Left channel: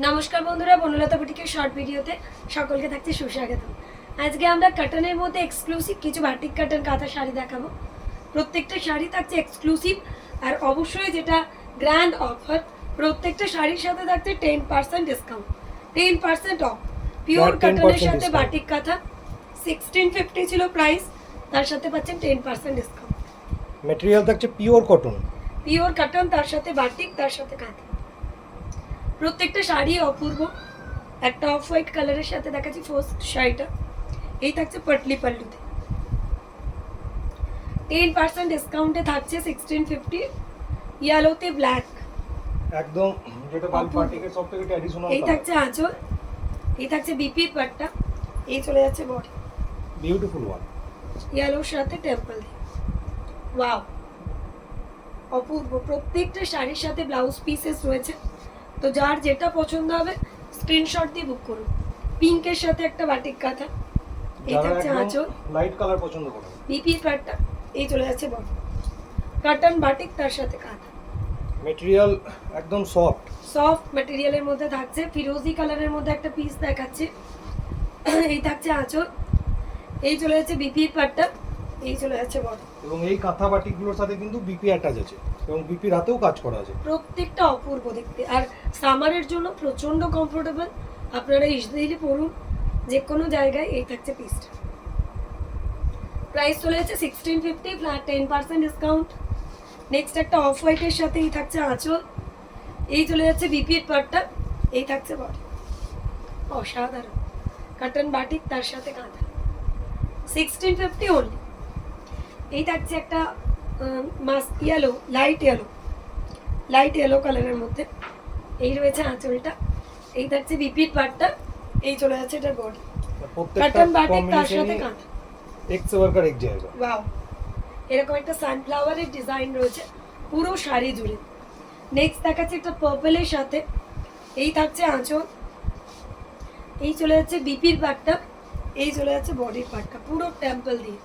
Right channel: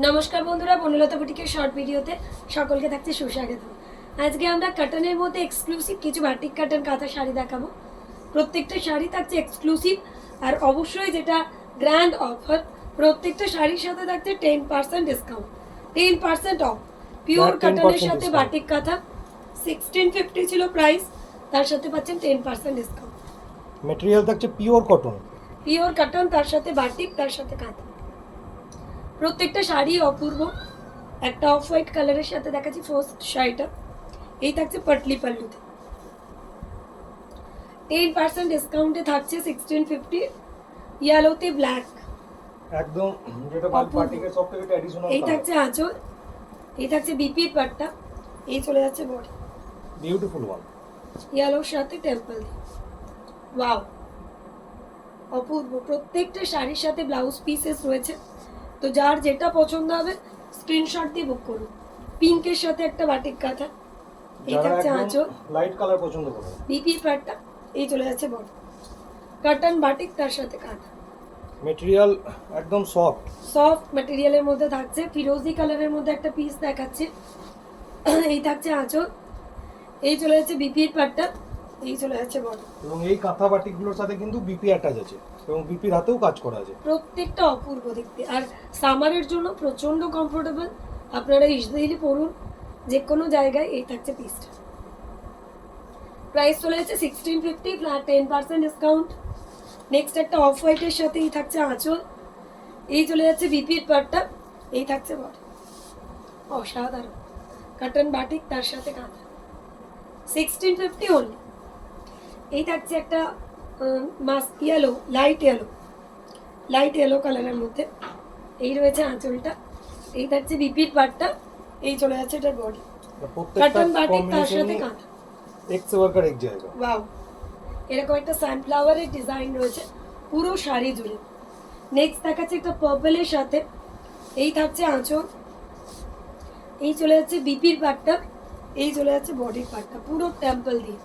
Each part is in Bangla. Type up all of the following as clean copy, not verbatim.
নমস্কার বন্ধুরা, বনলতা বুটিকের শর্ট ভিডিওতে সকলকে থাকছে সুস্বাগত। আজকে আমরা কাটানের মধ্যে এক্সক্লুসিভ কিছু বাটিক কাটান কাঁথা শাড়ি দেখাবো। প্রত্যেকটা শাড়ি থাকছে এক্সক্লুসিভ, আর অবশ্যই যেটা গ্র্যান্ড অফার, প্রত্যেকটা শাড়ির সাথে থাকছে 10% ডিসকাউন্ট, 10% অফ। পিওর কাটানের সাথে বাটিক কাঁথা 1650 ছিল প্রাইস, তার সাথে পাচ্ছেন 10% ডিসকাউন্ট। ম্যাটেরিয়াল থাকছে পিওর কটন, পিওর কাটান, তার সাথে বাটিক, তার সাথে কাঁথা। প্রত্যেকটা শাড়ি অপূর্ব। একটা অফ হোয়াইট কালারের সাথে দেখাচ্ছি ফার্স্ট শাড়িটা, এই থাকছে পাটলি পাল্লুতে, 10% ডিসকাউন্টে থাকছে 1650। ইয়েলোতে ব্ল্যাক, একদম যেটা বাটিকের সবথেকে ট্র্যাডিশনাল। এই থাকছে আঁচল, এই থাকছে বিপির পাট্টা, এই চলে যাচ্ছে বডি, বিউটিফুল ওয়ান, ইয়েলোর সাথে টেম্পল। ওয়াও, অপূর্ব। প্রত্যেকটা শাড়ির সাথে ব্লাউজ পিসেস রয়েছে, তো যার যেটা পছন্দ হবে স্ক্রিনশট দিয়ে বুক করুন। পিঙ্কের সাথে একটা বাটিক কাঁথা, এই থাকছে আঁচল, লাইট কালার পছন্দ করো, বিপি পাট্টা, এই চলে যাচ্ছে বডি, কাটান বাটিক, তার সাথে কাঁথা। ম্যাটেরিয়াল একদম সফট সফট ম্যাটেরিয়ালের মধ্যে থাকছে, ফিরোজি কালারের মধ্যে একটা পিস দেখাচ্ছে, এই থাকছে আঁচল, এই চলে যাচ্ছে বিপির পাট্টা, এই চলে যাচ্ছে বডি। এবং এই কাঁথা বাটিকগুলোর সাথে কিন্তু বিপি অ্যাটাচ আছে এবং বিপির হাতেও কাজ করা আছে। প্রত্যেকটা অপূর্ব দেখতে, আর সামারের জন্য প্রচন্ড কমফোর্টেবল। আপনারা ইজিলি পরুন যে কোনো জায়গায়। এই থাকছে পিসটা, প্রাইস চলে যাচ্ছে 1650 ফ্ল্যাট 10% ডিসকাউন্ট। নেক্সট একটা অফ হোয়াইটের সাথে এই থাকছে আঁচল, এই চলে যাচ্ছে বিপির পাট্টা, এই থাকছে বডি। অসাধারণ কাটান বাটিক, তার সাথে কাঁথা, 1650 অনলি। এই থাকছে একটা মাস্ক ইয়েলো, লাইট ইয়েলো কালারের মধ্যে, এই রয়েছে আঁচলটা, এই থাকছে বিপির পাট্টা, এই চলে যাচ্ছে এটার বডি, কাটান বাটিক, তার সাথে কাঁথা। এক से बढ़कर एक जाएगा। ওয়াও, এরকম একটা সানফ্লাওয়ারের ডিজাইন রয়েছে পুরো শাড়ি জুড়ে। নেক্সট দেখাচ্ছে একটা পার্পলের সাথে, এই থাকছে আঁচল, এই চলে যাচ্ছে বিপির পাট্টা, এই চলে যাচ্ছে বডির পাট্টা, পুরো টেম্পল দিয়ে।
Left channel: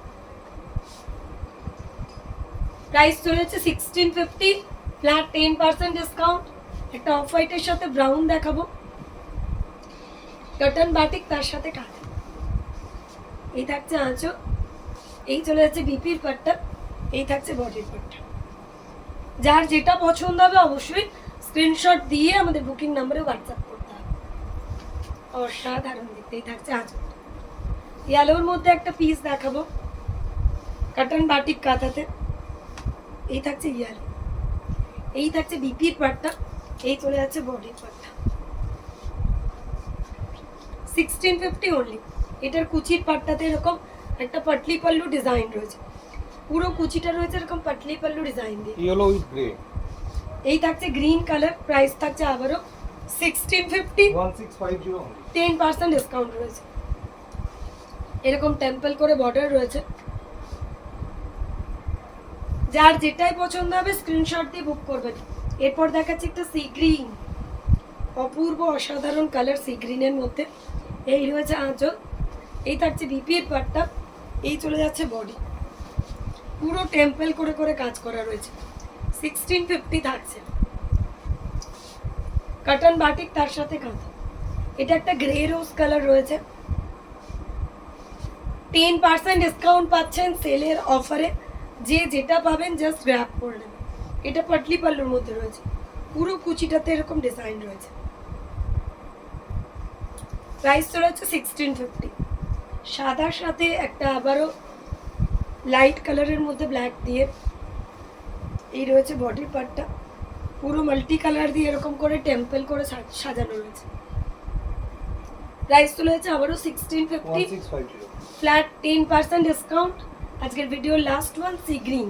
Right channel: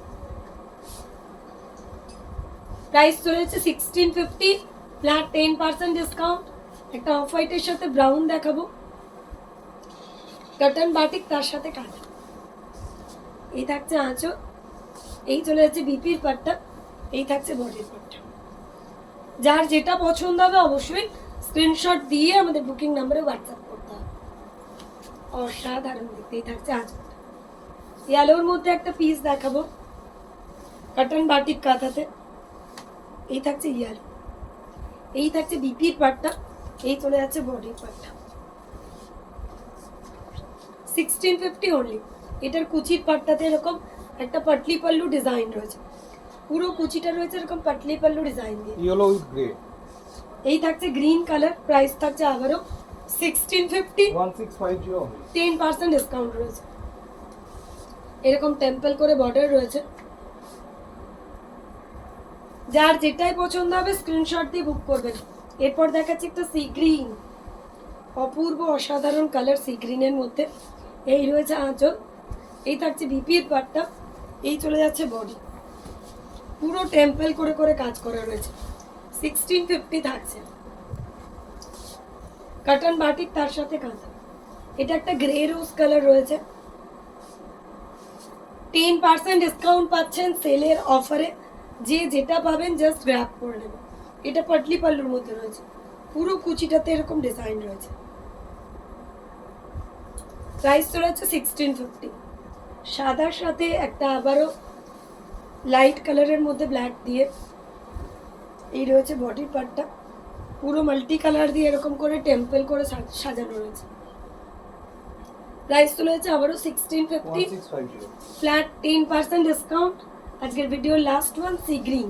প্রাইস চলে যাচ্ছে 1650 ফ্ল্যাট 10% ডিসকাউন্ট। একটা অফ হোয়াইটের সাথে ব্রাউন দেখাবো, কাটান বাটিক, তার সাথে কাঁথা, এই থাকছে আঁচল, এই চলে যাচ্ছে বিপির পাট্টা, এই থাকছে বডির পাট্টা। যার যেটা পছন্দ হবে অবশ্যই স্ক্রিনশট দিয়ে আমাদের বুকিং নাম্বারে হোয়াটসঅ্যাপ করতে হবে। অসাধারণ দেখতে, এই থাকছে আঁচলটা। ইয়েলোর মধ্যে একটা পিস দেখাবো, কাটান বাটিক কাঁথাতে, এই থাকছে ইয়েলো, এই থাকছে বিপির পাট্টা, এই চলে যাচ্ছে বডির পাট্টা, 1650 অনলি। এটার কুচির পাট্টাতে এরকম একটা পাটলি পাল্লু ডিজাইন রয়েছে, পুরো কুচিটা রয়েছে এরকম পাটলি পাল্লু ডিজাইন দিয়ে। ইয়েলো উইথ গ্রে, এই থাকছে গ্রিন কালার, প্রাইস থাকছে আবারও 1650, 1650 only। 10% ডিসকাউন্ট রয়েছে। এরকম টেম্পল করে বর্ডার রয়েছে, যার যেটাই পছন্দ হবে স্ক্রিনশট দিয়ে বুক করবেন। এরপর দেখাচ্ছি একটা সি গ্রিন, অপূর্ব অসাধারণ কালার সি গ্রিনের মধ্যে, এই রয়েছে আঁচল, এই থাকছে বিপির পাট্টা, এই চলে যাচ্ছে বডি, পুরো টেম্পল করে করে কাজ করা রয়েছে, 1650 থাকছে। কাটান বাটিক, তার সাথে কাঁথা। এটা একটা গ্রে রোজ কালার রয়েছে, 10% ডিসকাউন্ট পাচ্ছেন সেলের অফারে। যে যেটা পাবেন জাস্ট গ্র্যাব করে নেবেন। এটা পাটলি পাল্লুর মধ্যে রয়েছে, পুরো কুচিটাতে এরকম ডিজাইন রয়েছে। প্রাইস চলে যাচ্ছে 1650। সাদার সাথে একটা আবারও লাইট কালারের মধ্যে ব্ল্যাক দিয়ে, এই রয়েছে বডির পার্টটা, পুরো মাল্টি কালার দিয়ে এরকম করে টেম্পল করে সাজানো রয়েছে। প্রাইস চলে যাচ্ছে আবারও 1650 ফ্ল্যাট 10% ডিসকাউন্ট। আজকের ভিডিওর লাস্ট ওয়ান সি গ্রিন।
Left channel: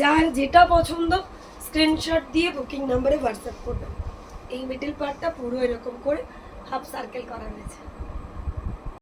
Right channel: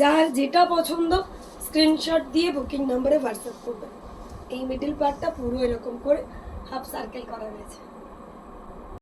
যার যেটা পছন্দ স্ক্রিনশট দিয়ে বুকিং নাম্বারে হোয়াটসঅ্যাপ করবেন। এই মিডল পার্টটা পুরো এরকম করে হাফ সার্কেল করা হয়েছে।